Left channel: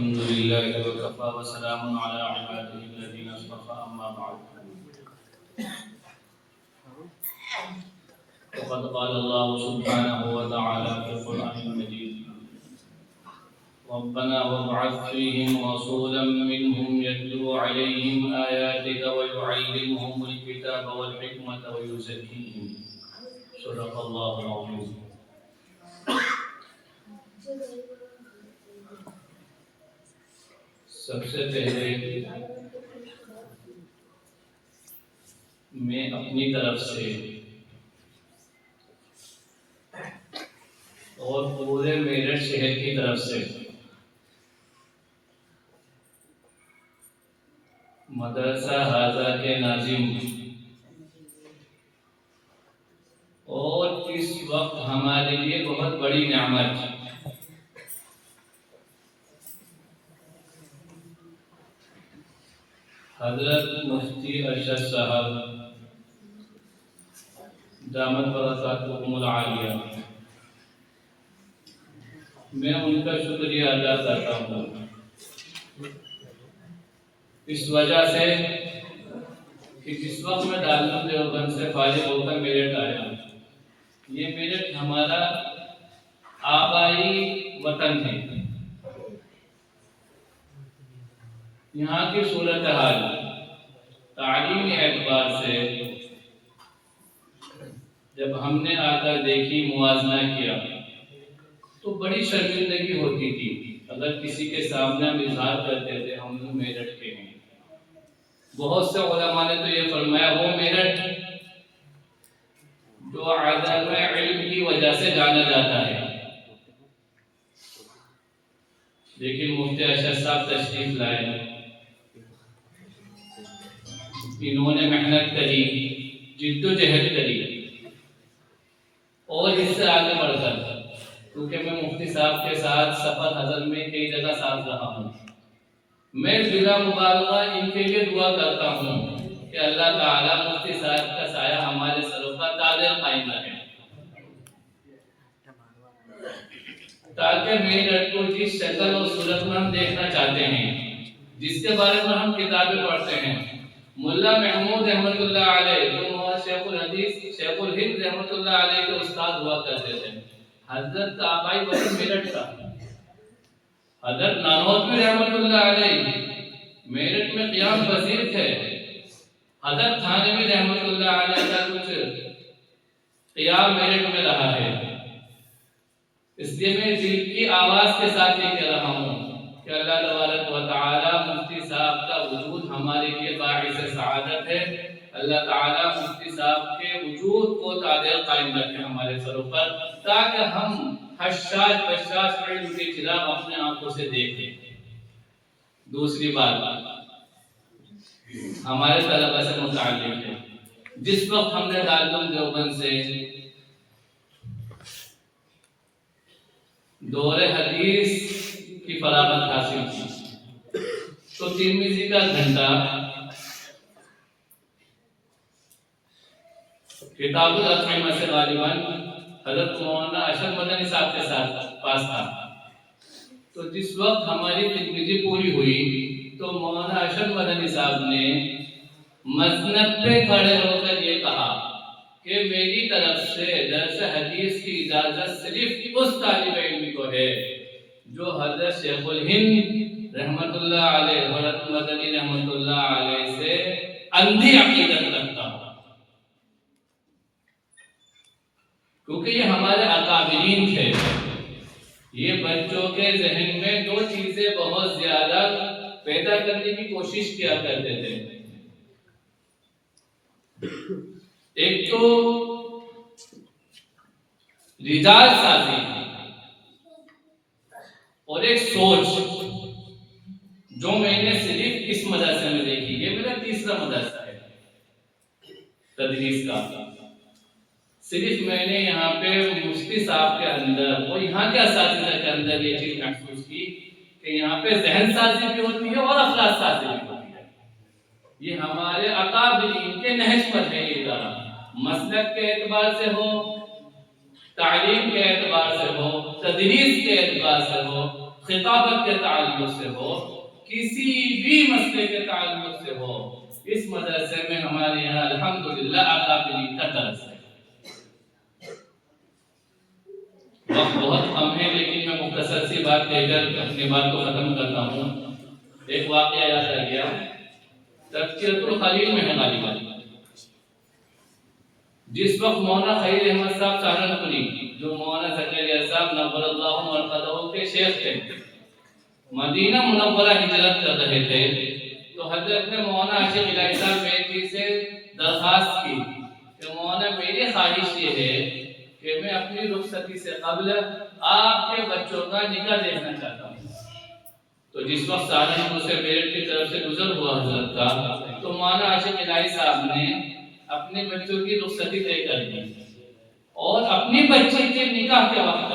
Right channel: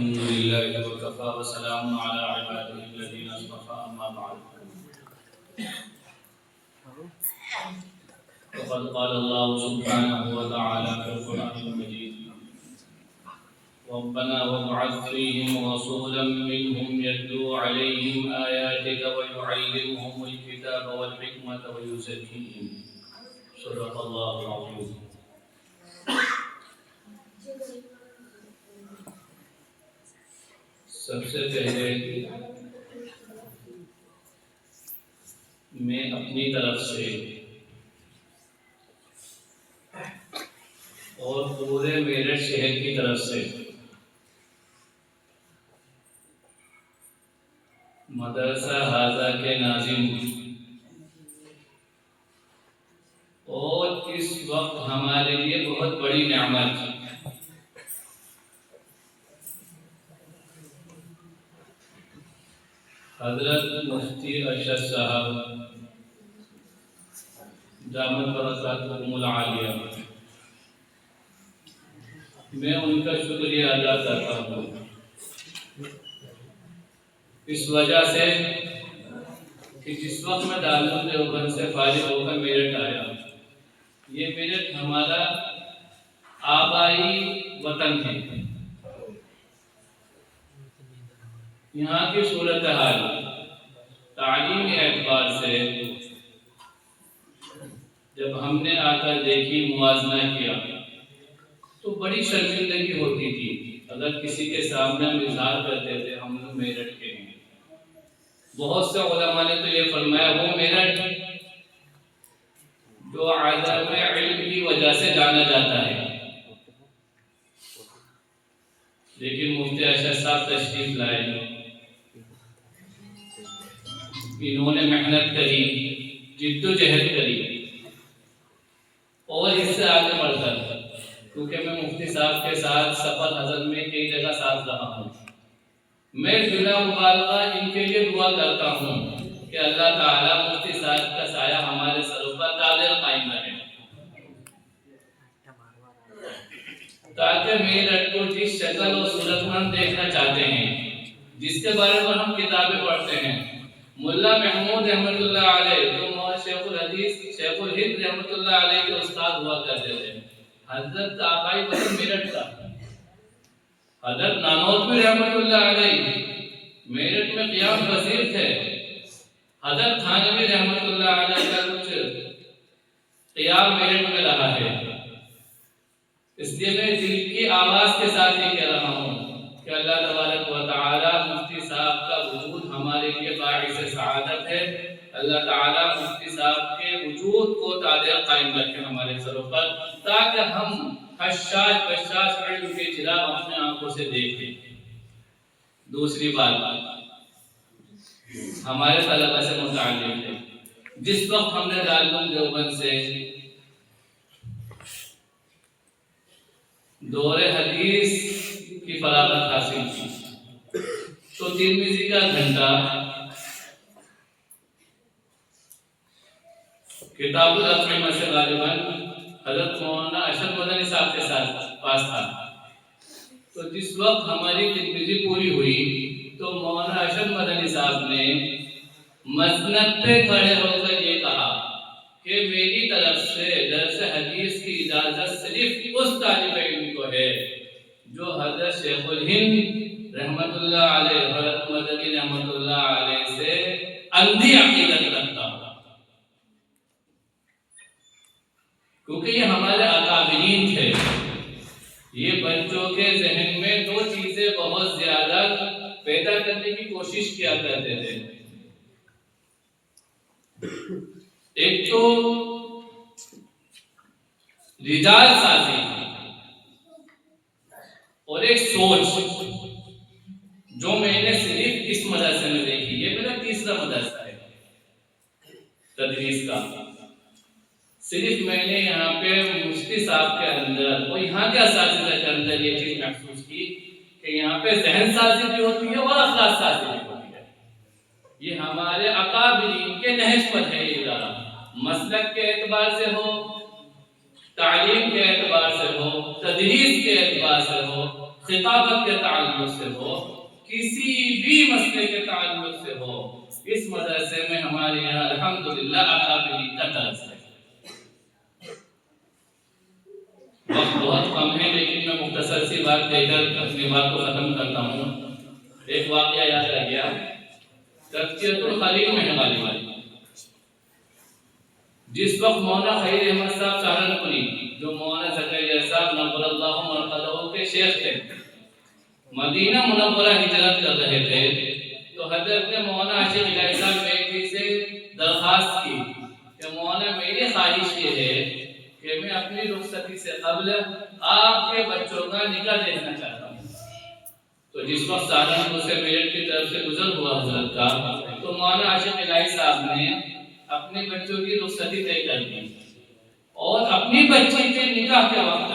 الحمد لله وكفى وسلام على عباده الذين اصطفى أما بعد وقد قال الله سبحانه وتعالى في القرآن المجيد ربنا وابعث فيهم رسولا منهم يتلو عليهم آياتك ويعلمهم الكتاب والحكمة ويزكيهم صدق الله العظيم. سب سے پہلے میں اپنی طرف سے اور پورے میرٹھ شہر کی طرف سے مدرسہ حاضہ کے ناظم اور اس وقت ہمارے لیے بہت بڑی نعمت حضرت مفتی ارشد صاحب دامت برکاتہم العالیہ، میں ان کا شکریہ ادا کرتا ہوں اس وجہ سے کہ جس وقت میں دارالعلوم دیوبند سے فارغ ہو کر میرٹھ آیا، یہ میرٹھ ہمارا آبائی وطن ہے. یہاں کی صورتحال تعلیمی اعتبار سے جب ہم نے آ کر دیکھی، موازنہ کیا تو بڑی شرمندگی ہوتی تھی اگر کسی کے سامنے ہم اظہار کرتے تھے ہم لوگ میرٹھ کے ہیں. بہت سے علماء نے تو یہ فرمایا وہ میرٹھ جو عدم علم کی وجہ سے جانا جاتا ہے، لیکن مفتی ارشد صاحب تشریف لائے، انہوں نے محنت کری، جد و جہد کری اور اس سے آگے بڑھ کر، کیونکہ میں مفتی صاحب کے ساتھ سفر حضر میں کئی جگہ ساتھ رہا ہوں، میں بلا مبالغہ ان کے لیے دعا کرتا ہوں کہ اللہ تعالیٰ مفتی صاحب کا سایہ ہمارے سروں پر دائم قائم رہے، تاکہ میرٹھ کو جس شکل اور صورت میں ہم دیکھنا چاہتے ہیں، جس کے بارے میں ہم کتابیں پڑھتے ہیں. ملا محمود رحمۃ اللہ علیہ جو شیخ الحدیث شیخ الہند رحمۃ اللہ علیہ کے استاد ہوا کرتے تھے، حضرت کا آبائی وطن میرٹھ کا. حضرت نانوتوی رحمۃ اللہ علیہ میرٹھ میں قیام وزیر تھے. حضرت تھانوی رحمۃ اللہ علیہ کا کچھ قیام میرٹھ میں رہا ہے. اس لیے میں دل کی آواز کے ساتھ یہ کہہ رہا ہوں کہ اللہ تبارک و تعالی مفتی صاحب کا وجود ہمارے لیے باعث سعادت ہے. اللہ تعالی مفتی صاحب کے وجود کو دائم قائم رکھے ہمارے سروں پر، تاکہ ہم حشاش بشاش علم کے چراغ اپنے آنکھوں سے دیکھیں. دوسری بات ہمارے طلبہ سے متعلق ہے. جس وقت ہم نے دارالعلوم دیوبند سے دور حدیث کی فراغت حاصل کی تو ترمذی کا گھنٹہ کتاب الاطعمہ سے غالباً حضرت مولانا ارشد مدنی صاحب کے ساتھ پاس تھا. تو جس وقت ہماری ترمذی پوری ہوئی تو مولانا ارشد مدنی صاحب نے مسند پہ کھڑے ہو کر یہ کہا کہ میری طرف سے درس حدیث کی اجازت صرف اس طالب علم کو ہے جو حضرت شیخ الہند رحمت اللہ علیہ حضرت مدنی رحمت اللہ علیہ سے اندھی عقیدت رکھتا ہو، کیونکہ یہ ہمارے اکابرین تھے. یہ بچوں کے ذہن میں دو چیزیں بہت زیادہ پیدا کرنے کی کوشش کیا کرتے تھے. ایک تو رجال سازی اور ایک سوچ جو میں نے صرف اس مدرسے میں دیکھی. یہ میرا تیسرا مدرسہ ہے تدریس کا. صرف میں نے یہاں پہ مفتی صاحب کے اندر اور یہاں کے اساتذہ کے اندر یہ چیز محسوس کی کہ یہاں پہ ذہن سازی بھی ہوتی ہے اور اخلاق سازی بھی ہوتی ہے. یہ ہمارے اکابرین کے نہج پر ہے. یہ ادارہ مسلک کے اعتبار سے ہو، تعلیم کے اعتبار سے ہو، تدریس کے اعتبار سے ہو، خطابت کے تعلق سے ہو، کسی بھی مسئلے کے تعلق سے ہو، اس مدرسے میں ہمارے یہاں الحمدللہ اکابرین کا درس ہے۔ وقت بہت کم ہے لیکن میں مختصر سی بات کہہ کر اپنی بات کو ختم کرتا ہوں۔ ایک واقعہ یاد آ گیا، تذکرۃ الخلیل میں ہے غالباً، جس وقت مولانا خلیل احمد صاحب سہارنپوری، جو مولانا زکریا صاحب نور اللہ مرقدہ کے شیخ تھے، مدینہ منورہ ہجرت کر رہے تھے، تو حضرت نے مولانا عاشق الہی صاحب میری سے درخواست کی کہ مولانا میری خواہش یہ ہے کہ میں اپنی رخصتی سے قبل آپ کے بچوں کا نکاح دیکھنا چاہتا ہوں۔ تو جس وقت سہارنپور سے میرٹھ کی طرف سے گزر ہوا حضرت کا، تو مولانا عاشق الہی صاحب نے اپنے بچوں کی رخصتی طے کر دی، اور اپنی بچی کے نکاح کے وقت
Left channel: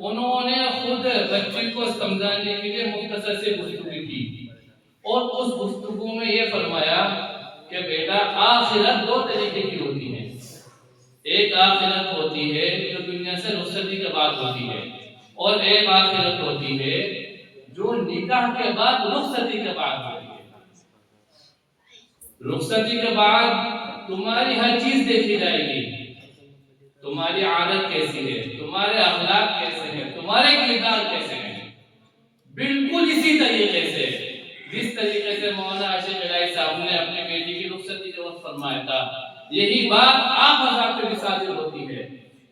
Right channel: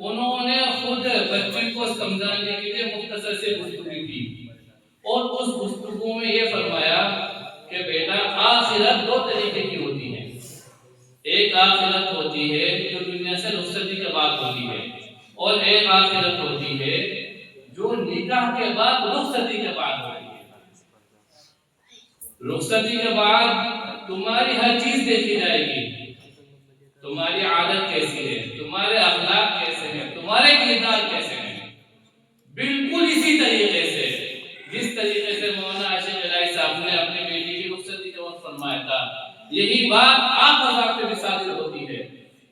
انہوں نے خود بچی کو سمجھانے کے لیے مختصر سے گفتگو کی، اور اس گفتگو میں یہ فرمایا کہ بیٹا آخرت دو طریقے کی ہوتی ہے، ایک آخرت ہوتی ہے جو دنیا سے رخصتی کے بعد ہوتی ہے، اور ایک آخرت ہوتی ہے جو نکاح کے بعد رخصتی کے بعد ہوتی ہے۔ رخصتی کے بعد تمہاری ہر چیز دیکھی جائے گی، تمہاری عادت کیسی ہے، تمہارے اخلاق کیسے ہیں، تمہارے کردار کیسے ہیں، بالکل اسی طریقے سے جس طریقے سے مولانا عاشق الہی صاحب نے اپنے بیٹی کی رخصتی کے وقت فرمایا تھا، یہی بات آپ حضرات کے ساتھ ہوتی ہے۔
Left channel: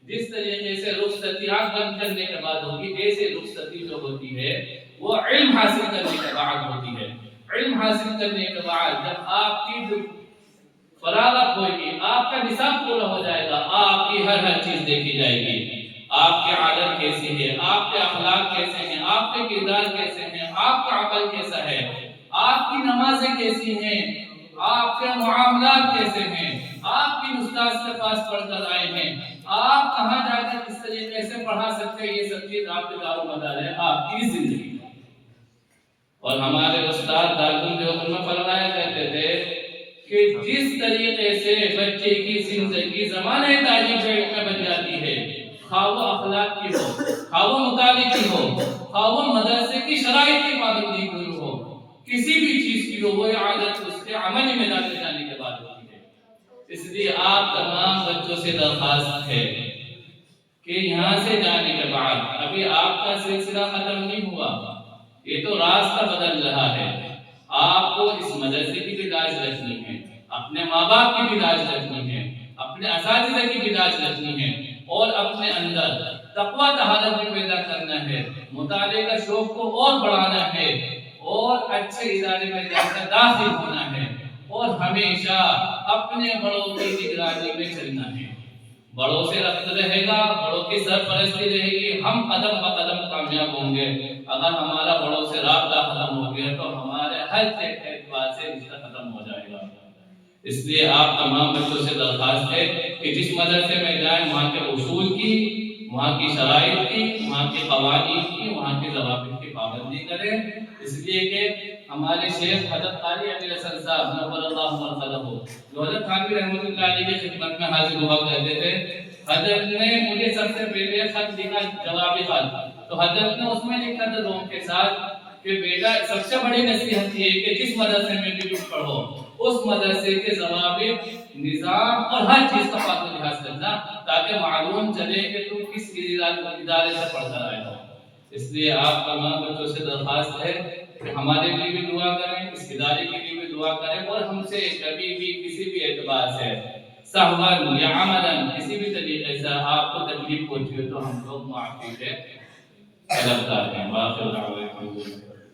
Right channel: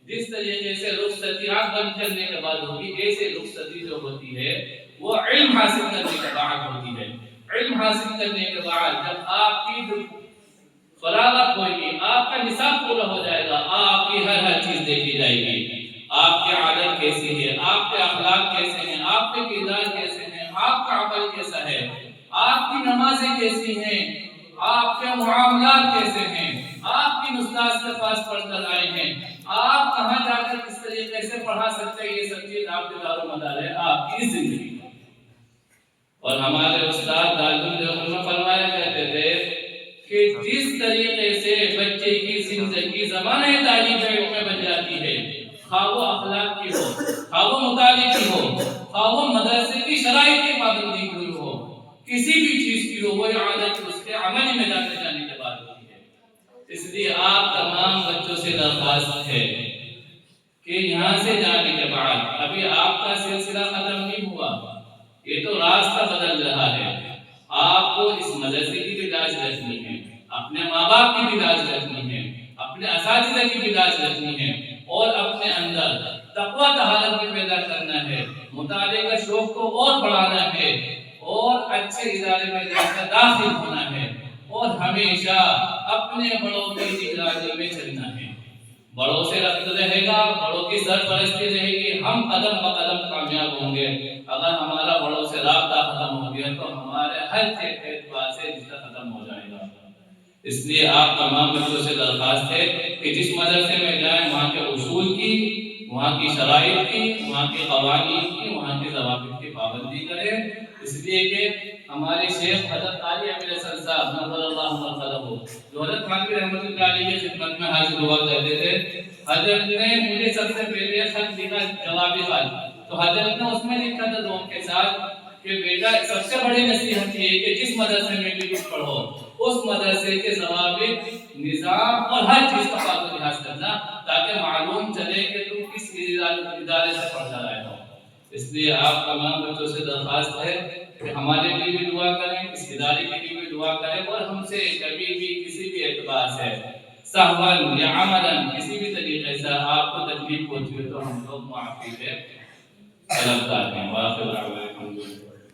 جس طریقے سے رخصتی آپ بند کرنے کے بعد ہوگی، ایسے رخصتی جو ہوتی ہے وہ علم حاصل کرنے کے بعد ہوتی ہے۔ علم حاصل کرنے کے بعد جب آپ کی فراغت ہوگی، آپ کا نصاب پورا ہو جائے گا، آپ کی ہر چیز دیکھی جائے گی، آپ کی عادت کیسی ہے، آپ کے اخلاق کیسے ہیں، آپ کے کردار کیسے ہیں، آپ کا عمل کیسا ہے، آپ کی نمازیں کیسی ہیں، آپ کے معاملات کیسے ہیں، آپ کی استاد کے پاس پڑھ کر آئے ہیں، آپ کہاں جا کر کس طریقے سے پڑھا سکتے ہیں، یہ سب چیز آپ کے دار و مدار ہے آپ کی زندگی۔ اور ہمارے استاد دارالعلوم دیوبند میں فرمایا کرتے تھے کہ جس طریقے سے بچے کی زندگی زمانۂ تعلیم علم میں بن جاتی ہے، خواہ وہ اخلاق کی ہو، خواہ وہ مطالعے کی ہو، خواہ وہ مدرسے کی شرائط کی پابندی کی ہو، کسی بھی چیز کی ہو، وہ عادت اس کے عملی میدان میں جانے کے بعد ہوتی ہے۔ اس لیے آپ تمام بچوں سے درخواست ہے کہ یہاں سے جانے کے بعد ابھی آپ کا سلسلہ ختم نہیں ہوا، یہ تو راستہ بدل رہا ہے، آپ کو اس مدرسے کی بھی لاج رکھنی ہے، اپنے ماں باپ کی بھی لاج رکھنی ہے، اپنے اساتذہ کی بھی لاج رکھنی ہے، اور اپنے اندر تقویٰ طہارت بھی پیدا کرنا ہے، مطالعے کا شوق کو اور بڑھانا ہے، اور اچھے ادارے میں جا کر داخل ہونا ہے، اور ہمیشہ اپنے بڑوں کی نگرانی میں چلنا ہے۔ بڑوں سے ربط رہے گا، بڑوں کی سرپرستی رہے گی، ہم قدم بقدم کامیاب ہوں گے۔ اگر ہمارا بڑوں سے رابطہ ختم ہو گیا تو ہمارے ہر اعتبار سے رشتہ ختم ہو جائے گا۔ اس لیے آپ تمام بچوں سے درخواست ہے کہ جس مدرسے میں جائیں وہاں کے اصول کی، وہاں کی شرائط کی، وہاں کے قوانین کی، وہاں کے ضوابط کی پابندی کریں، اس لیے کہ ہمارے شیخ حضرت قاری امیر حسن صاحب نور اللہ مرقدہ جو حضرت خانوی رحمۃ اللہ علیہ کی خدمت میں حاضر ہوا کرتے تھے، حضرت نے مجھے سب سے پہلے خط لکھا، جوابی خط، تو حضرت نے اس میں لکھا تھا لوگوں کے ساتھ کہ بیٹا سب سے بڑی نصیحت یہ ہے کہ جس مدرسے میں بھی تم پڑھو اس مدرسے کے ضوابط، نظام اور ہر چیز کا پاس و لحاظ کرنا، تاکہ معلوم چلے کہ تم کس ادارے سے پڑھ کر آئے ہو۔ اس لیے آپ تمام بچوں سے درخواست ہے کہ ہمارے لیے بھی دعا کریں، اس ادارے کے لیے بھی دعا کریں، اور ہم سے کبھی بھی کسی بھی اعتبار سے سہواً یا عملاً کسی بھی طریقے سے آپ کو تکلیف پہنچی ہو تو ہم لوگ معافی سے طلبگار ہیں۔